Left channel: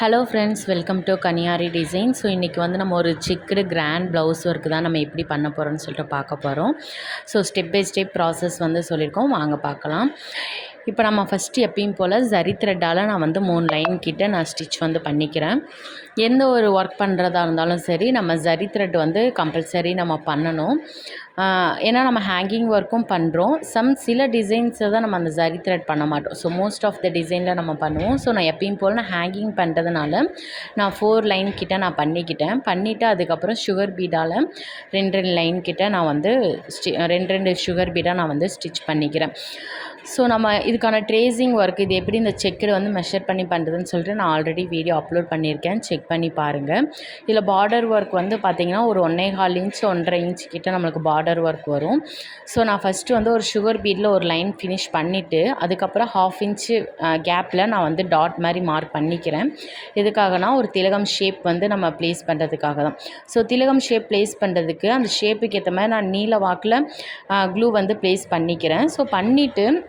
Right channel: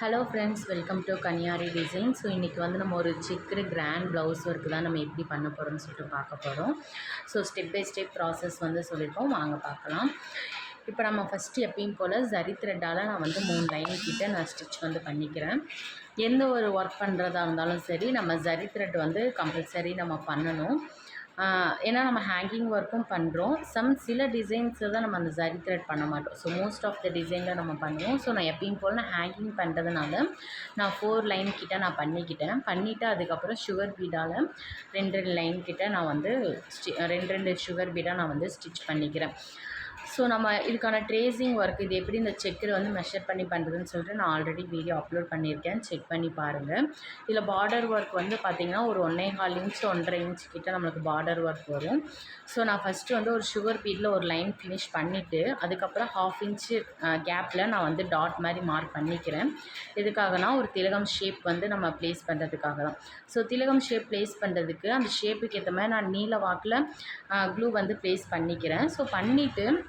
Hello friends welcome to கன்னியாரி design so இன்றைக்கி வந்து நம்ம ஒரு சிக்குடு கிராண்ட் ப்ளவுஸ் ஒர்க்கு தான் நம்ம எப்படி பண்ண போகிறோம்னு சொல்லிட்டு பார்க்க போகிறோம் so step by step process வந்து சொல்லியிருக்கோம். வாங்க பார்க்கலாம். இப்போ நம்ம ஃபஸ்ட்டு எப்பயும் போல் ஜரி த்ரெட்டால் நான் வந்து மூணு லைன் கிட்டே நான் ஸ்டிச் வந்து பண்ணிக்கிறேன். எந்த ஒரு ஒர்க் பண்ணுறதா இருந்தாலும் சரி நம்ம ஜரி த்ரெட் வந்து கம்பல்சரி நம்ம பண்ணணும். ஏன்னா நம்ம ஹேங்கிங் ஒர்க்கும் பண்ணுறோம் சம் சில டிசைன்ஸை தான் நம்ம அந்த ஜரி த்ரெட் பண்ண மாட்டோம். ஸோ மோஸ்ட் ஆஃப் த டிசைனில் நம்ம பண்ணுவோம். ஸோ நான் எப்பயும் போல் நான் ஹேங்கிங் பண்ணுறதுனால நான் ஃபோர் லைன் கிட்டே நான் பண்ணிக்கிட்டேன். பண்ணிவிட்டு அதுக்கப்புறம் சுகர் பீடால் ரெண்டு ரெண்டு லைன் கிட்டே நான் வந்து ஸ்டி ரெண்டு ரெண்டு சுகர் பீடாக நான் வந்து ஸ்டிச் பண்ணிக்கிறேன். ஸோ நம்ம இதுக்கான ட்ரேசிங் ஒர்க் இது எப்படி இந்த செக்கில் வந்து மெஷர் பண்ணி பண்ணுறதுன்னு சொல்லிட்டு நான் ஆல்ரெடி வீடியோ அப்லோட் பண்ணியிருக்கேன். செக் பண்ணி பாருங்கள் இதில் பார்டர் ஒர்க் வந்து பார்த்திங்கன்னா ஒரு ஒன்றே கால் இன்ச் ஒன்றரை இன்ச் கிட்டே நம்மளுக்கு பார்டர் ஒர்க் வரும். ஸோ நான் ஃபஸ்ட்டு வந்து ஒரு சுகர் பீடில் ஒரு லைன் ஃபினிஷ் பண்ணிவிட்டு அதுக்கப்புறம் ஹாஃப் இன்ச்சு கேப்பில் நான் வந்து டாட் மாதிரி மார்க் பண்ணிக்கிறேன். எதுக்காகனா ஒரு திலகம் ஷேப் வந்து நம்ம ப்ளேஸ் பண்ணுறதுக்காக தான். ஸோ திலகம் ஷேப் ப்ளேஸ் பண்ணுறதுக்கு அந்த ஷேப்புக்கு ஏற்ற மாதிரி நான் நீல வாக்கில் க்ளூ வந்து ப்ளேஸ் பண்ணிக்கிறேன். ஸோ பண்ணிவிட்டு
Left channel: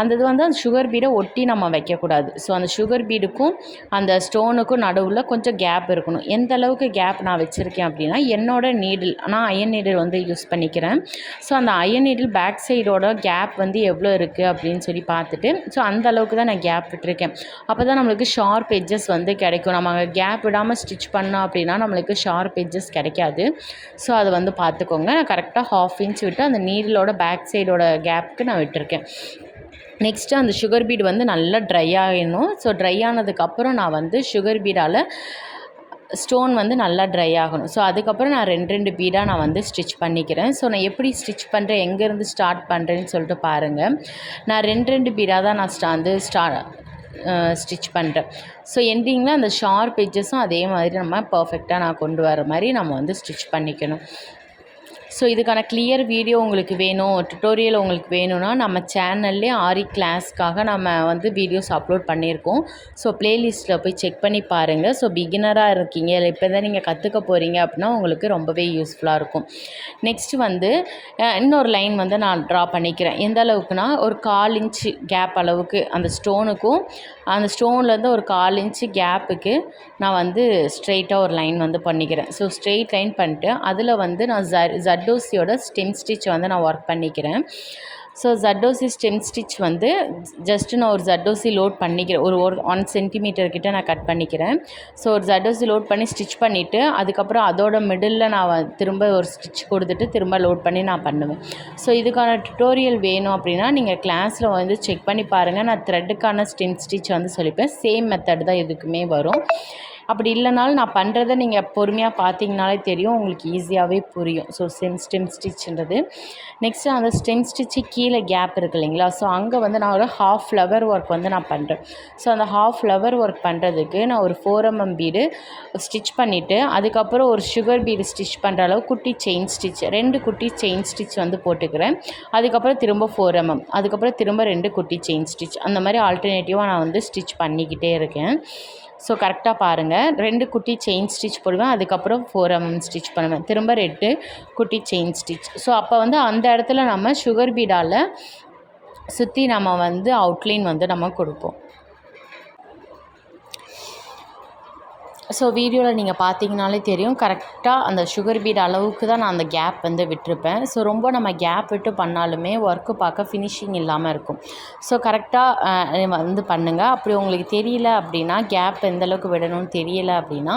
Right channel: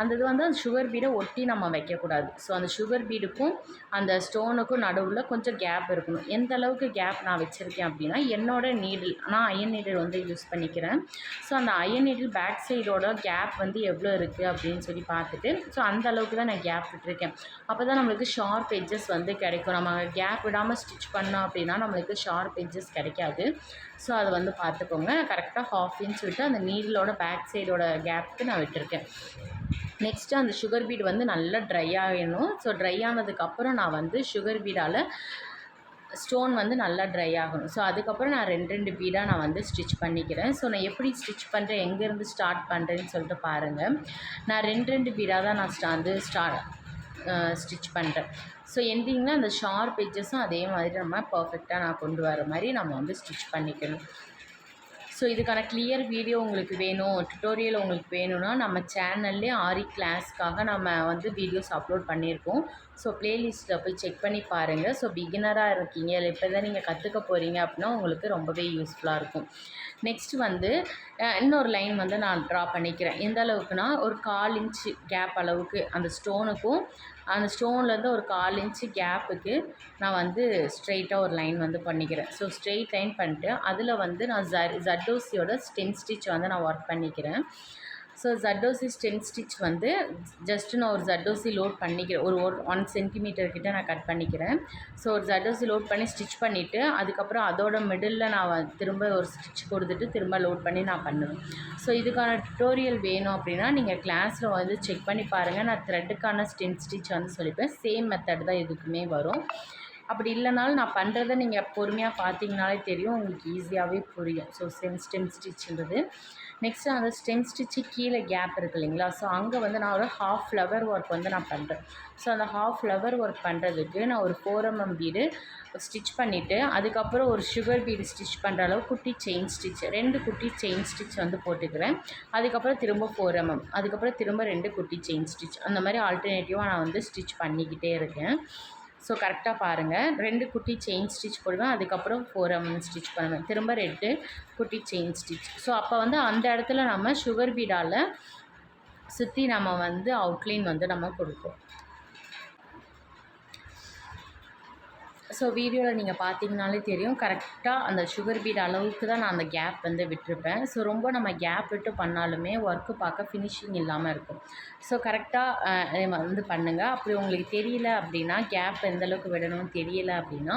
அந்த இது வந்து அந்த சுகர் பீடை ஒட்டி நம்ம வைக்கக்கூடாது. ஸோ அந்த சுகர் பீடுக்கும் அந்த ஸ்டோனுக்கும் நடுவில் கொஞ்சம் கேப் இருக்கணும். எந்த அளவுக்கு கேப் நான் வச்சுருக்கேன் அப்படின்னா என்னோடய நீடில் நான் அயன் நீடில் வந்து யூஸ் பண்ணிக்கிறேன். ஸோ அந்த அயன் நீடில் பேக் சைடோட கேப் வந்து எவ்வளோ இருக்குது அப்படின்னு சொல்லி பார்த்துட்டு ஸோ அந்த அளவுக்கு தான் நான் கேப் விட்டுருக்கேன். அப்போ தான் நம்மளுக்கு ஷார்ப் எட்ஜஸ் வந்து கிடைக்கும். நம்ம கேப் விடாமல் ஸ்டிச் பண்ணோம் அப்படின்னா நம்மளுக்கு ஷார்ப் எட்ஜஸ் கிடைக்காது. ஸோ அதை வந்து பார்த்துக்கோங்க. நான் கரெக்டாக ஹாஃப் இன்ச் விட்டு அந்த நீடிலோட பேக் சைடோட கேப்புக்கு நான் விட்டுருக்கேன். நெக்ஸ்ட்டு அந்த சுகர் பீடு வந்து நல்லா ட்ரை ஆகணும் ஸோ ட்ரை ஆனதுக்கப்புறம் நான் வந்து சுகர் பீடால் ஸ்டோன் வந்து நல்லா ட்ரை ஆகணும். ஸோ அதுக்கப்புறம் நான் ரெண்டு ரெண்டு பீடாக நான் வந்து ஸ்டிச் பண்ணிக்கிறேன். ஸோ நான் எப்படி ஸ்டிச் பண்ணுறேன் எங்கேருந்து ஸ்டார்ட் பண்ணுறேன்னு சொல்லிட்டு பாருங்கள் நான் ரெண்டு ரெண்டு பீடாக தான் நான் ஸ்டா வந்து ஸ்டா ஸ்டிச் பண்ணுறேன் ஸோ எண்டிங்கில் அந்த ஷார்ப் எட்ஜஸும் அதே மாதிரி நம்ம பர்ஃபெக்டாக நான் கொண்டு வர மாதிரி நம்ம வந்து ஸ்டிச் பண்ணிக்கணும். ஸோ இதுக்கான கிளியர் வீடியோ உங்களுக்கு வேணும் டுட்டோரியல் உங்களுக்கு வேணும்னா நம்ம சேனல்லே ஆரி கிளாஸ்க்காக நம்ம வந்து வீடியோஸ் அப்லோட் பண்ணியிருக்கோம். ஸோ ப்ளேலிஸ்ட்டில் போய் செக் பண்ணி பாருங்கள் ஸோ பிகினராக இருக்கீங்க இல்லை இப்போ தான் நீங்கள் கற்றுக்க போகிறீங்க அப்படின்னா உங்களுக்கு ரொம்பவே யூஸ்ஃபுல்லாக இருக்கும். நெக்ஸ்ட்டு வந்து இன்னொரு லைன் வந்து நான் ட்ரா பண்ணிக்கிறேன். எந்த அளவுக்குனா ஒரு கால் இன்ச்சு கேப் அளவுக்கு அந்த ஸ்டோனுக்கும் அந்த ஸ்டோன்லேருந்து ஒரு கால் இன்ச்சு கேப்புக்கு நான் வந்து ஸ்ட்ரெயிட்டாக ஒரு லைன் வந்து பண்ணிக்கிறேன். ஸோ ஸ்ட்ரெயிட் லைன் பண்ணிட்டு அதில் வந்து நான் ஜ ஜட்டோசியோட ஸ்டெம் ஸ்டிச் வந்து நான் ஒர்க் பண்ணிக்கிறேன். ஸோ ஜட்டோசி ஸ்டெம் ஸ்டிச் வந்து ஜஸ்ட்டு நான் ஒரு ஜட்டோசி லோட் பண்ணிக்கிறேன். ஒரு ஒரு ஒன் சென்டிமீட்டர் கிட்ட நான் கட் பண்ணிக்கிறேன். ஸோ ஒரு ஜட்டோசி லோட் பண்ணி ஸ்டிச் பண்ணிவிட்டு அதுக்கப்புறம் அதோட மிடில் நான் வ- திரும்ப ஒரு ஸ்டிச் கொடுத்துட்டு திரும்ப லோட் பண்ணி நான் பண்ணுவேன். ஸோ இதுக்கான டுட்டோரியல் வேணும் அப்படின்னா நீங்கள் கிளாஸில் வந்து செக் பண்ணி பாருங்கள் நான் த்ரெட்டுக்கான ஸ்டெம் ஸ்டிச் வந்து சொல்லிப்பேன். சேம் மெத்தட் தான் எதுக்குமே வரும். அப்படி இல்லைனாலும் நான் பண்ணுறத நீங்கள் பொறுமையாக பார்த்தீங்கனாலே தெரியும். உங்களுக்கு ஈஸியாகவே புரியும். ஸோ ஸ்டெம் ஸ்டெம் ஸ்டிச்ன்றது நெக்ஸ்ட்டு அந்த ஸ்டெம் ஸ்டிச்சு கீழே கேப் இருக்கு இல்லைங்களா? ஸோ அங்கே வந்து நான் ஒரு ஹாஃப் ஃப்ளவர் ஒர்க் வந்து நான் பண்ணுறேன் ஸோ அந்த ஹாஃப் ஃப்ளவர் ஒர்க் பண்ணுறதுக்கு நான் ஒரு ஃபோர் எம்எம் பீடு ஸ்டிச் பண்ணிவிட்டு அதுக்கப்புறம் ஒரு சுகர் பீடு ஸ்டிச் பண்ணுற அளவு குட்டி செயின் ஸ்டிச் ரெண்டு குட்டி செயின் ஸ்டிச் வந்து போட்டுக்கிறேன். அதுக்கப்புறம் திரும்ப ஃபோர் எம்எம் அதுக்கப்புறம் திரும்ப ரெண்டு குட்டி செயின் ஸ்டிச் அந்த மாதிரி ஆல்டர்னேட்டிவாக நான் வந்து ஸ்டிச் பண்ணிக்கிட்டே இருக்கேன். ஸோ கரெக்டாக பாருங்கள் ரெண்டு குட்டி செயின் ஸ்டிச் போடுவேன். அதுக்கப்புறம் ஃபோர் எம்எம் ஸ்டிச் பண்ணுவேன். திரும்ப ரெண்டு குட்டி செயின் ஸ்டிச் ஸோ அப்போ வந்து அந்த இடத்துல நம்ம சுகர் பீடாவில் சுற்றி நம்ம வந்து அவுட்லைன் வந்து நம்ம கொடுப்போம். ஸோ வீடியோவில் நீங்கள் பார்த்தீங்கனாலே தெரியும். கரெக்டாக அந்த சுகர் பீட் அளவுக்கு தான் நான் அந்த கேப் வந்து விட்டுருப்பேன். ஸோ ரொம்ப நம்ம கேப் விட்டு பண்ணாலுமே ஒர்க்கு பார்க்க ஃபினிஷிங் இல்லாமல் இருக்கும். ஸோ கரெக்டாக வந்து பண்ணுங்கள் அப்படி உங்களுக்கு தெரியல அப்படின்னா கேப் எந்த அளவுக்கு விடணும்னு தெரியல அப்படின்னா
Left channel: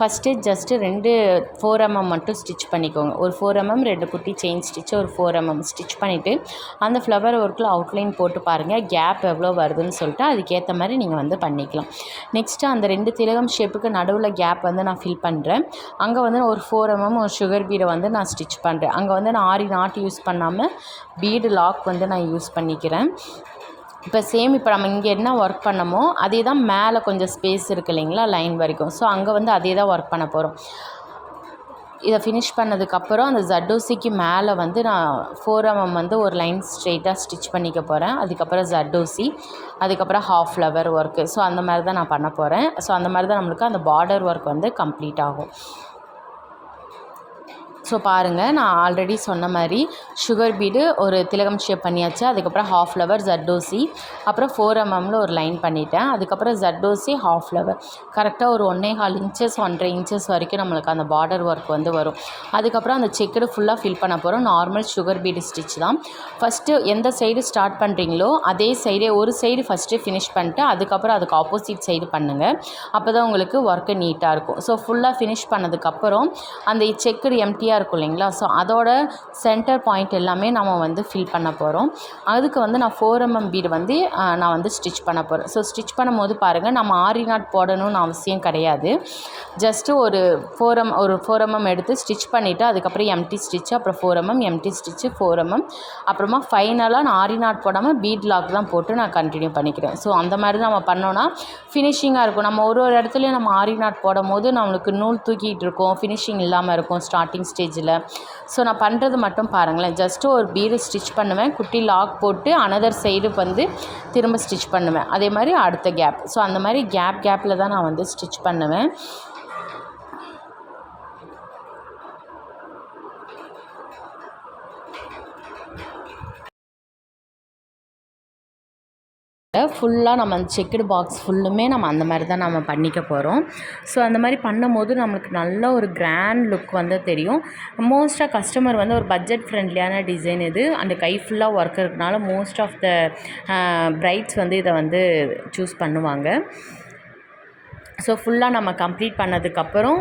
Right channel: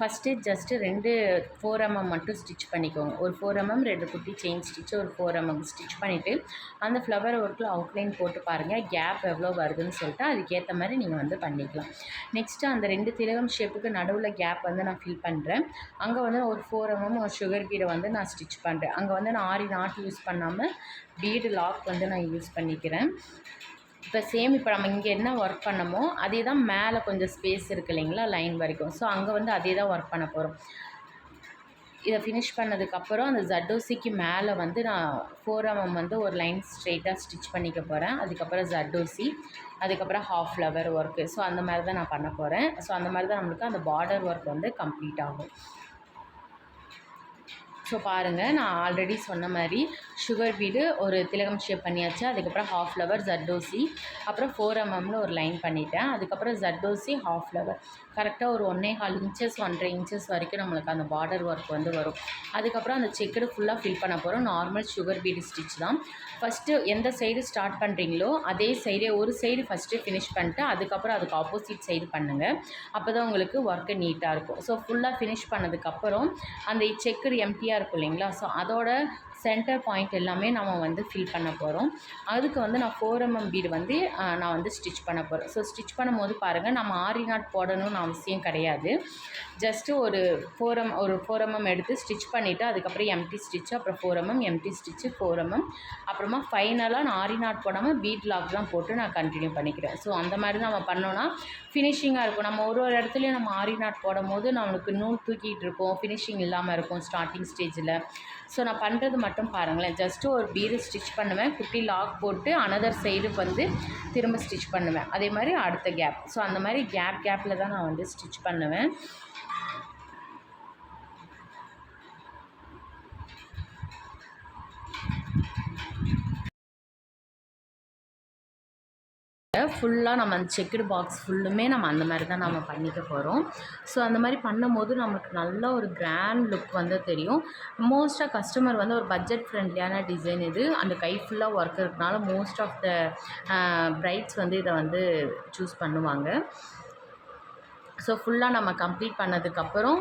ஃபஸ்ட்டு ஜஸ்ட்டு ரெண்டு ஃபோர் எம்எம் மட்டும் ஸ்டிச் பண்ணிக்கோங்க. ஒரு ஃபோர் எம்எம் ரெண்டு குட்டி செயின் ஸ்டிச் ஒரு ஃபோர் எம்எம் ஸ்டிச் பண்ணிவிட்டு அந்த ஃப்ளவர் ஒர்க்கில் அவுட்லைன் போட்டு பாருங்கள் கேப் எவ்வளோ வருதுன்னு சொல்லிட்டு அதுக்கேற்ற மாதிரி நீங்கள் வந்து பண்ணிக்கலாம். நெக்ஸ்ட்டு அந்த ரெண்டு திலகம் ஷேப்புக்கு நடுவில் கேப் வந்து நான் ஃபில் பண்ணுறேன் அங்கே வந்து ஒரு ஃபோர் எம்எம் ஒரு சுகர் பீடை வந்து நான் ஸ்டிச் பண்ணுறேன் அங்கே வந்து நான் ஆரி நாட் யூஸ் பண்ணாமல் பீடு லாக் வந்து நான் யூஸ் பண்ணிக்கிறேன். இப்போ சேம் இப்போ நம்ம இங்கே என்ன ஒர்க் பண்ணமோ அதே தான் மேலே கொஞ்சம் ஸ்பேஸ் இருக்குது இல்லைங்களா லைன் வரைக்கும். ஸோ அங்கே வந்து அதே தான் ஒர்க் பண்ண போகிறோம் இதை ஃபினிஷ் பண்ணதுக்கப்புறம் அந்த ஜட்டோசிக்கு மேலே வந்து நான் ஃபோர் எம்எம் வந்து ஒரு லைன் ஸ்ட்ரெயிட்டாக ஸ்டிச் பண்ணிக்க போகிறேன் அதுக்கப்புறம் ஜட்டோசி அதுக்கப்புறம் ஹாஃப் ஃப்ளவர் ஒர்க்கு ஸோ அந்த மாதிரி தான் நான் பண்ண போகிறேன் ஸோ அந்த மாதிரி தான் நம்மளுக்கு அந்த பார்டர் ஒர்க் வந்து கம்ப்ளீட் ஆகும். ஸோ பாருங்கள் நான் ஆல்ரெடி சொன்ன மாதிரி சுகர் பீடு ஒரு திலகம் ஷேப் பண்ணியாச்சு. அதுக்கப்புறம் ஹாஃப் ஃப்ளவர் ஜட்டோசி அப்புறம் ஃபோர் எம்எம்மில் ஒரு லைன் பண்ணிட்டேன். அதுக்கப்புறம் ஜட்டோசி ஹாஃப் ஃப்ளவர் கரெக்டாக ஒரு ஒன்றே கால் இன்ச்சஸ் ஒன்றரை இன்ச்சஸ் வரைக்கும் நம்மளுக்கு அந்த பார்டர் ஒர்க் வந்து வரும். அதுக்கப்புறம் அந்த செக்குடு ஃபுல்லாக ஃபில் பண்ண போகிறோம் நார்மல் சுகர் பீடு ஸ்டிச் தான். ஃபஸ்ட்டு எந்த சைடு ஸ்டார்ட் பண்ணுறீங்களோ அதே சைடே ஒரு சைடு ஃபஸ்ட்டு ஃபினிஷ் பண்ணிட்டு அதுக்கப்புறம் அதுக்கு ஆப்போசிட் சைடு பண்ணுங்கள் அப்போ தான் உங்களுக்கு ஒர்க்கு நீட்டாக இருக்கும். ஸோ ஃபுல்லாக ஃபினிஷ் பண்ணதுக்கப்புறம் அந்த செக்குடு எம்டியாக இருக்கும் இல்லைங்களா? ஸோ அதோட சென்டர் பாயிண்ட் எல்லாமே நம்ம வந்து ஃபில் பண்ண போகிறோம் அதுக்கு வந்து நான் ஃபோர் எம்எம் பீடு வந்து நான் வந்து ஸ்டிச் பண்ண போகிறேன் ஸோ ஸ்டிச் பண்ணும்போது பாருங்கள் நம்ம ஆரி நாட் போடணும்னு அவசியம் கிடையாது. ஜஸ்ட்டு ஒரு ஃபோர் எம் ஒரு ஃபோர் எம்எம் எடுத்து ஸ்டிச் பண்ணிவிட்டு அதுக்கப்புறம் எம்டி ஸ்டிச்சு அப்புறம் four mm empty stitch four mm அப்புறமா ஃபைனலாக நான் ஆரி நாட் போடாமல் பீட் லாக் தான் போட்டு நான் கண்டினியூ பண்ணிக்கிறேன். ஸோ அந்த மாதிரி நம்ம பண்ணோன்னா ஃபினிஷிங்காக இருக்கும். நம்ம ஒரு ஒரு இடத்துலையும் நம்ம ஆரி நாட் போடும் போது நம்மளுக்கு நூல் தூக்கிட்டு இருக்கோம் ஃபினிஷிங் இல்லாமல் இருக்கும் ஸ்டார்டிங் பேஜில் ஸோ நான் பண்ணுறது மட்டும் பாருங்களேன். ஜஸ்ட்டு ஒரு பீடு ஸ்டிச் பண்ணுவேன். குட்டி லாக் போட்டு அனதர் சைடு வந்து திரும்ப ஸ்டிச் பண்ணுவேன். அதே மாதிரி அடுத்த கேப் ஸோ அந்த மாதிரி கேப் கேப்பில் தான் நான் வந்து ஸ்டிச் பண்ணுவேன். ஃபுல்லாக நம்ம அந்த செக்குடு பாக்ஸ் ஃபுல்லுமே நம்ம அந்த மாதிரி தான் நம்ம பண்ணிக்க போகிறோம். ஸோ அந்த மாதிரி பண்ணும்போது நம்மளுக்கு நல்ல ஒரு கிராண்ட் லுக் வந்து தெரியும். மோஸ்ட்டாக கஸ்டமர் வந்து ஒரு பட்ஜெட் ஃப்ரெண்ட்லியான டிசைன் இது. அந்த கை ஃபுல்லாக ஒர்க் இருக்கனால மோஸ்ட் ஆஃப் த பிரைட்ஸ் வந்து இதை வந்து சூஸ் பண்ணுவாங்க. ஸோ ஃபுல்லாக நம்ம கம்ப்ளீட் பண்ணதுக்கப்புறம்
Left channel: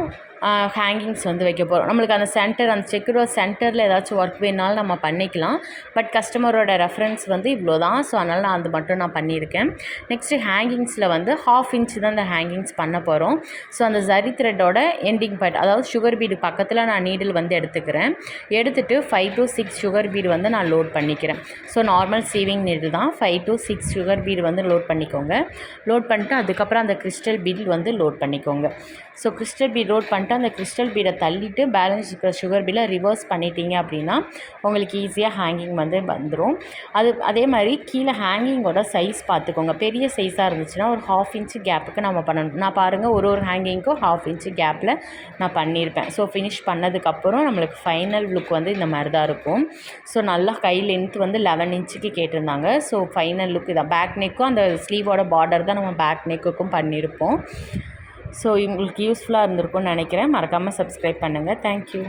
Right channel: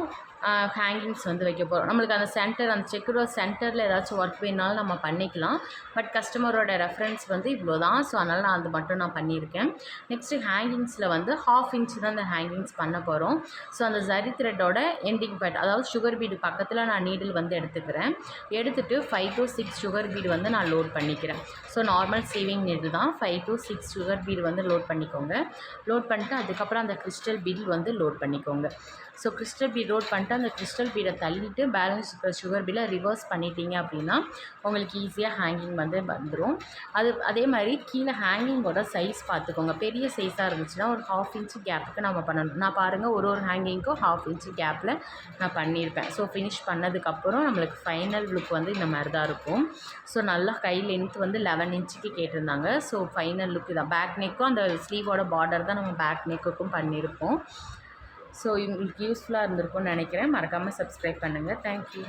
ஹேங்கிங்ஸ் வந்து வைக்க போகிறோம் நம்மளுக்கு அந்த சென்டர் அந்த செக்குரோட சென்டரில் ஏதாச்சும் ஒர்க் வேணாலும் நம்ம பண்ணிக்கலாம். பட் கஸ்டமரோட ரெஃபரன்ஸ் வந்து இவ்வளோ தான் ஸோ அதனால் நான் அது மட்டும் நான் பண்ணியிருக்கேன். நெக்ஸ்ட்டு ஹேங்கிங்ஸில் வந்து ஹாஃப் இன்ச் தான் அந்த ஹேங்கிங்ஸ் பண்ண போகிறோம் ஸோ அந்த ஜரி த்ரெட்டோட எண்டிங் பாயிண்ட் அதாவது சுகர் பீடு பக்கத்தில் நான் நீடில் வந்து எடுத்துக்கிறேன். எடுத்துகிட்டு five to six sugar bead வந்து நான் லோட் பண்ணிக்கிறேன். ஸோ நார்மல் சீவிங் நீடில் தான். Five to six sugar bead வந்து லோட் பண்ணிக்கோங்க. லோட் பண்ணிட்டு அதுக்கப்புறம் அந்த கிறிஸ்டல் பீட் வந்து லோட் பண்ணிக்கோங்க. ஸோ கிறிஸ்டல் பீட் லோட் பண்ணிட்டு அந்த கிறிஸ்டல் பீடை தள்ளிட்டு பேலன்ஸ் இருக்கிற சுகர் பீடை ரிவர்ஸ் பண்ணிட்டீங்க அப்படின்னா உங்களுக்கு ஈஸியாக ஹேங்கிங் வந்து வந்துடும் அது அதே மாதிரி கீழே ஹேங்கிங்கோட சைஸ் பார்த்துக்கோங்க. பெரிய சைஸாக இருந்துச்சுன்னா ஒரு ஹாஃப் இன்ச்சு கேப்புக்கு நம்ம பண்ணணும். நான் பாருங்கள் ஒரு ஒரு ஹேங்கிங்க்கும் ஹாஃப் இன்ச்சு கேப்பில் நான் பண்ணியிருப்பேன். ஸோ ஃபினிஷ் பண்ணதுக்கப்புறம் நம்மளுக்கு ஃபைனல் லுக் வந்து இந்த மாதிரி தான் இருக்கும். ஸோ நல்லா கை லென்த் வந்து லெவன் இன்ச்சுக்கு கேட்டிருந்தாங்க. ஸோ ஃபைனல் லுக் இதான். பேக் நெக்கும் அந்த ஸ்லீவோட பார்டர் தான் நம்ம பேக் நெக்குக்கும் பண்ணியிருப்போம். ஸோ உங்களுக்கு யூஸ்ஃபுல்லாக இருந்திருக்கும்னு நினைக்கிறேன். மறக்காமல் சப்ஸ்கிரைப் பண்ணுங்கள் தேங்க்யூ